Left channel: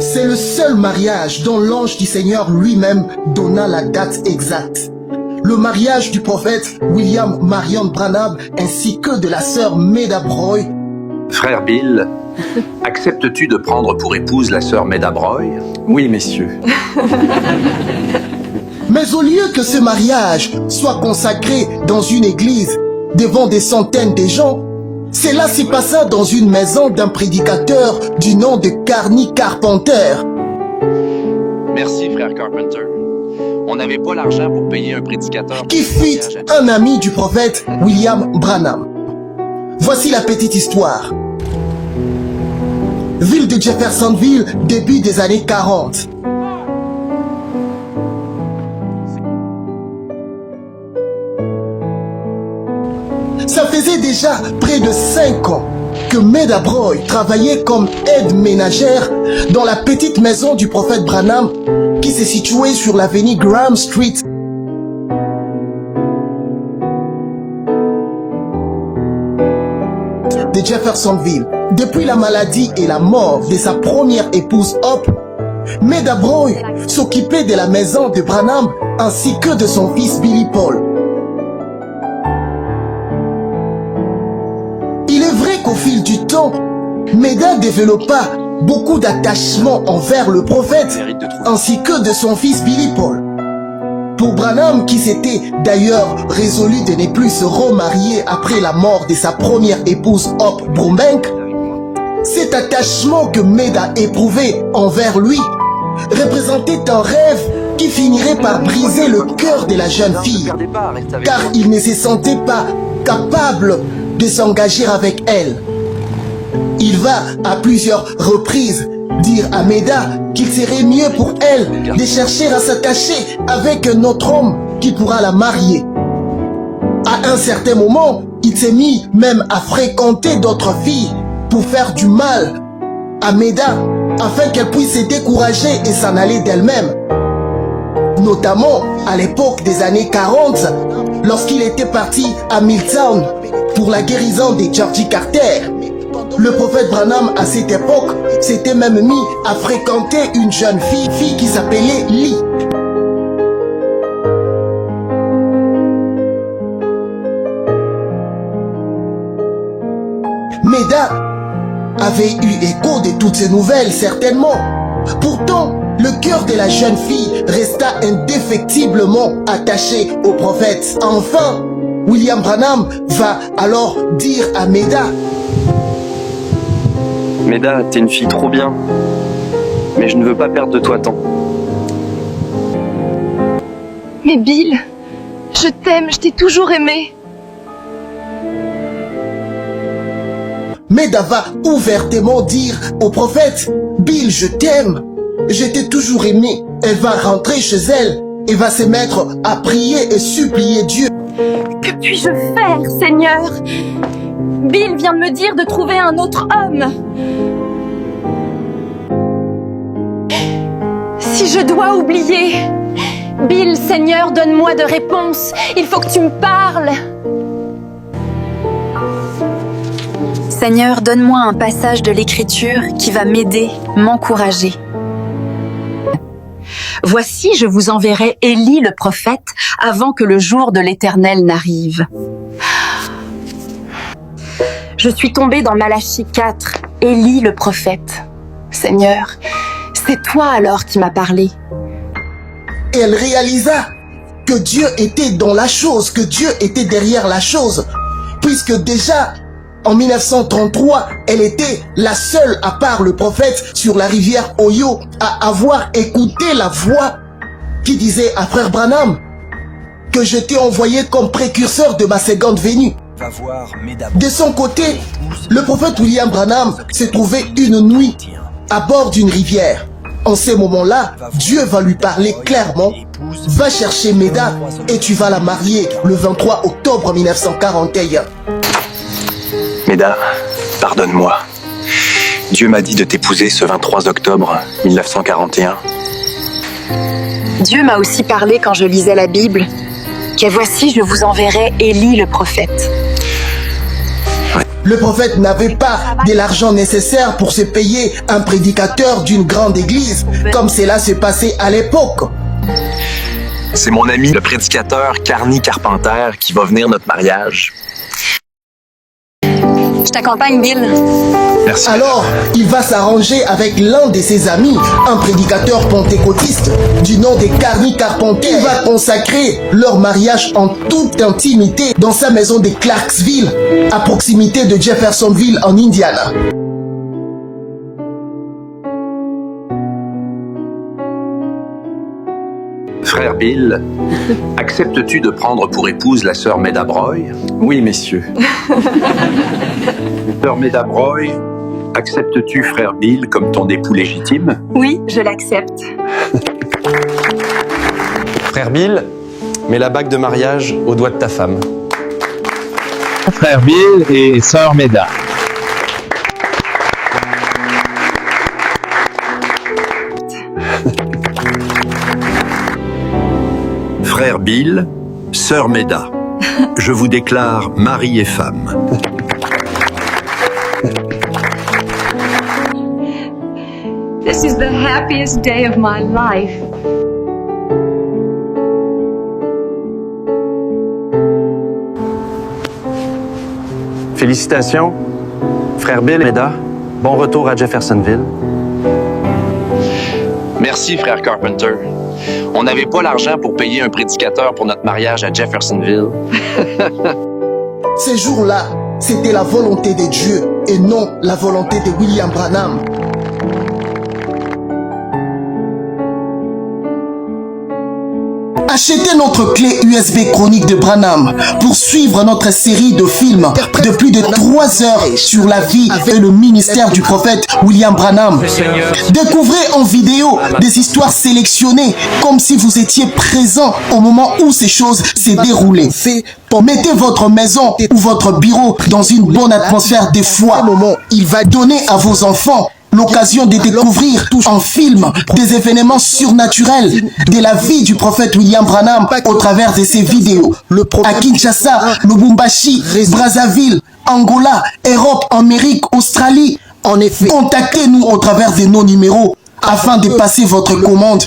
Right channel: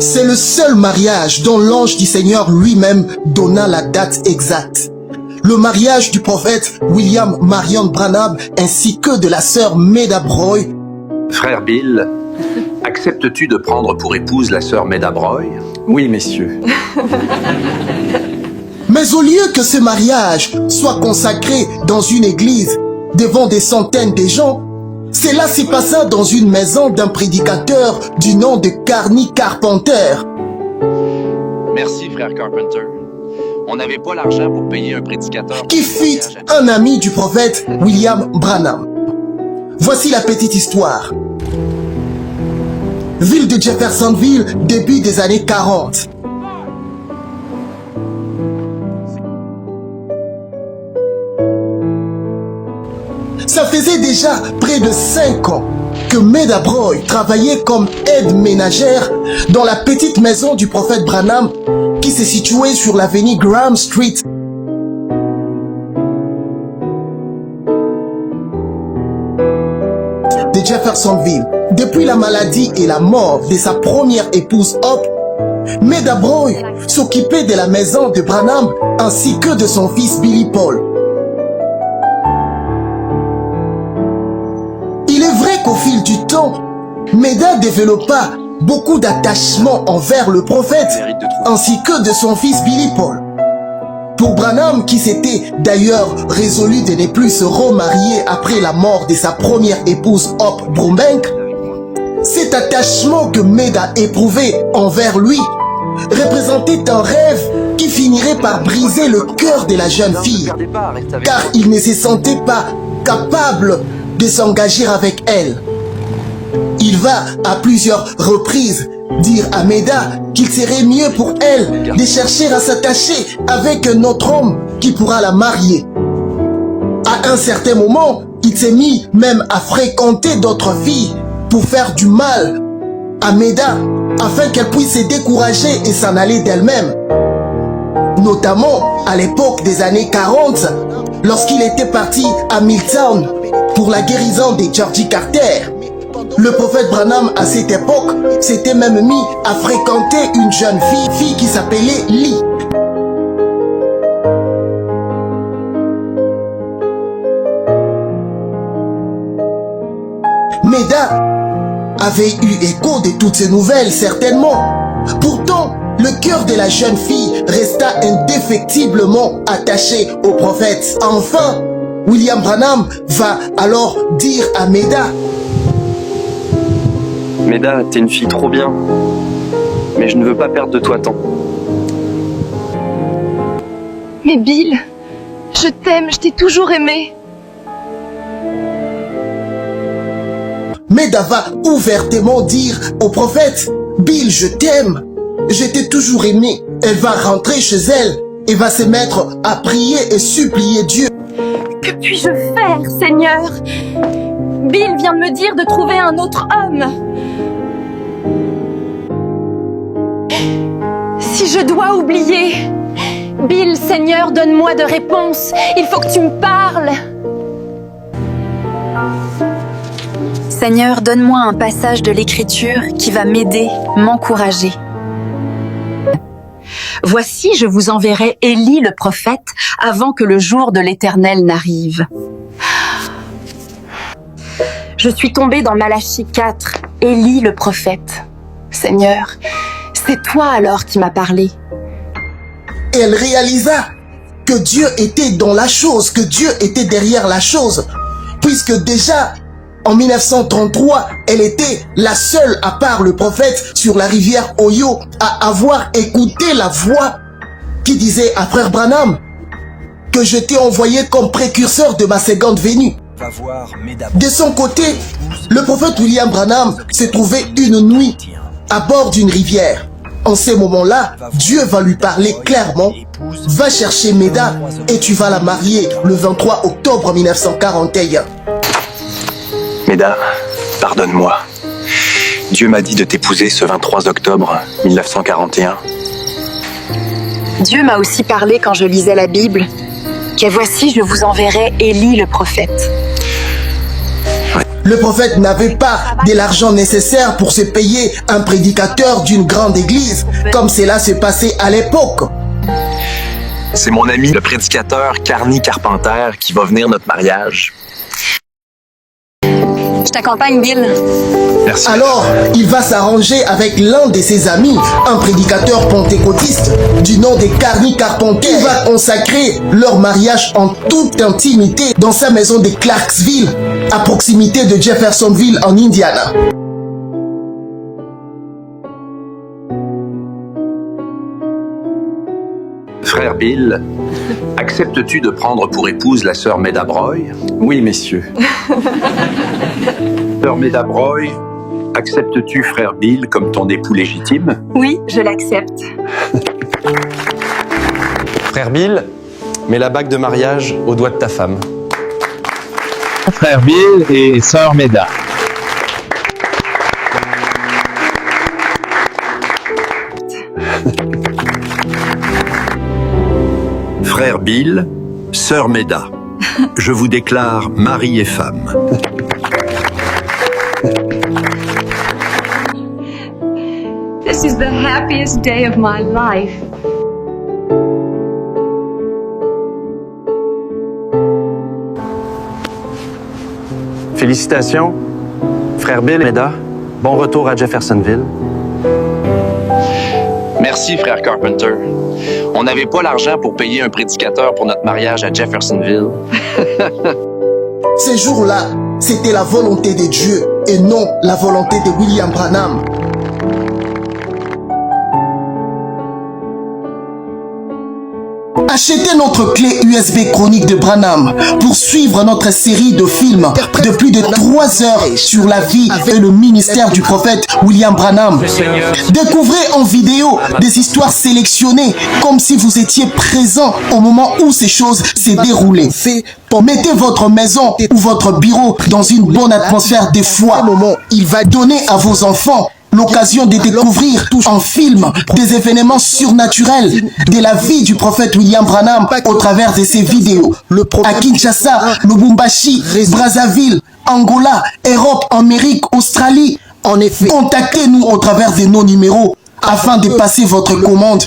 C'est le seul mariage dont l'ange du Seigneur lui-même donna la date exacte. Le mariage du prophète William Marion Branham ainsi que de la sœur Meda Broy. Frère Bill, acceptes-tu de prendre pour épouse la sœur Meda Broy? Oui, messieurs. Mais au lieu que ce mariage soit consacré dans une église devant des centaines de gens, cela s'y passa dans une maison d'un prédicateur du nom de Carney Carpenter. Merci, frère Carpenter. On n'avait pas l'argent pour payer un prédicateur Qui fut un ami du prophète William Branham. Voici la petite histoire. Ville de Jeffersonville, début des années 40. Ça faisait déjà près de 5 ans que Meda Broy travaillait comme aide ménagère dans la petite maison du prophète Branham qui se situait sur l'avenue Graham Street. De Jeffersonville. Depuis la maladie et la mort de sa première épouse Hope, Meda Broy s'occupait de la maison de Branham ainsi que de son fils Billy Paul. Il est vrai qu'au fil du temps, Meda développa beaucoup d'attachement envers le prophète ainsi que de son fils Billy Paul. Pour Branham, qui s'était d'ailleurs résolu de ne plus se remarier après la mort de sa première épouse Hope Brubeck, cet attachement que Meda éprouvait envers lui représentait un rêve qui finirait par briser le cœur de la jeune fille, car il ne se sentait pas capable de s'engager avec elle. Il va à plusieurs reprises dire à Meda qu'il serait mieux pour elle de chercher à s'attacher avec un autre homme qui pourra la marier. À un certain moment, il s'est mis même à fréquenter d'autres filles pour faire du mal à Meda afin qu'elle puisse se décourager et s'en aller d'elle-même. Notamment à l'époque des années 40, lorsqu'il était parti à Milltown pour la guérison de Georgie Carter. Le prophète Branham, à cette époque, s'était même mis à fréquenter une jeune fille qui s'appelait Lee. Meda avait eu écho de toutes ces nouvelles, certainement. Pourtant, le cœur de la jeune fille resta indéfectiblement attaché au prophète. Enfin, William Branham va alors dire à Meda: Meda, t'es une fille trop bien. Mais je ne veux pas perdre de toi tant. Mais Bill, je t'aime, je t'ai toujours aimé. Meda va ouvertement dire au prophète: Bill, je t'aime, je t'ai toujours aimé. Elle va rentrer chez elle et va se mettre à prier et supplier Dieu. Que puis-je faire, Seigneur? Bill vient de me dire de trouver un autre homme. Si je dois oublier, Bill, Seigneur, donne-moi de réponse. Il faut que tu me parles. Seigneur, donne-moi un passage de l'Écriture qui va m'aider, m'encourager. Voici, je vous enverrai Élie le prophète avant que le jour de l'Éternel n'arrive. Je suis tombée dans Malachie 4, Élie le prophète. Seigneur, c'est toi alors qui m'as parlé. Elle réalisa que Dieu était dans la chose, que Dieu était derrière la chose, puisque déjà en 1933, elle était la seule, à part le prophète sur la rivière Ohio, à avoir écouté la voix qui disait à frère Branham que je t'ai envoyé comme précurseur de ma seconde venue. De son côté, le prophète William Branham s'est trouvé une nuit à bord d'une rivière. En ce moment-là, Dieu va lui parler clairement: va chercher Meda et tu vas la marier le 23 octobre 1941. Meda, pardonne-moi. Dieu m'a dit de t'épouser ce 23 octobre 1941. Dieu m'a aussi parlé quand je lisais la Bible, que voici, je vous enverrai Élie le prophète. le prophète n'avait pas de l'argent nécessaire pour se payer un prédicateur d'une grande église, comme cela se passait à l'époque. C'est mon ami, le prédicateur Carney Carpenter, qui va venir à notre mariage. Je t'accompagne, Bill. Merci. Alors, il va s'arranger avec l'un de ses amis, un prédicateur pentecôtiste du nom de Carney Carpenter. Il va consacrer leur mariage en toute intimité dans sa maison de Clarksville, à proximité de Jeffersonville en Indiana. Frère Bill, acceptes-tu de prendre pour épouse la sœur Meda Broy? Oui, messieurs. Sœur Meda Broy, acceptes-tu frère Bill comme ton époux légitime? Oui, je l'accepte. Frère Bill, mets la bague de mariage au doigt de ta femme. Frère Bill et sœur Meda. Frère Bill, sœur Meda, je vous déclare mari et femme. This is the happiest day of my life. Félicitations, frère Bill et Meda. Bon retour à Jeffersonville. Merci, frère Carpenter. On n'avait pas l'argent pour payer un prédicateur pour notre mariage à Jeffersonville. Ces jours-là, c'était la volonté de Dieu et non la volonté de William Branham. Achetez notre clé USB chronique de Branham pour suivre notre série de films de plus de 3 heures sur la vie et le ministère du prophète William Branham. Découvrez en vidéo des histoires sélectionnées comme si vous étiez présent au moment où ces choses s'est déroulées. Mettez votre maison ou votre bureau dans une bonne atmosphère de foi. Il va donner à vos enfants l'occasion de découvrir en film des événements surnaturels de la vie du prophète William Branham au travers de ses vidéos. À Kinshasa, Lubumbashi, Brazzaville, Angola, Europe, Amérique, Australie. En effet, contactez-nous au travers de nos numéros afin de passer votre commande.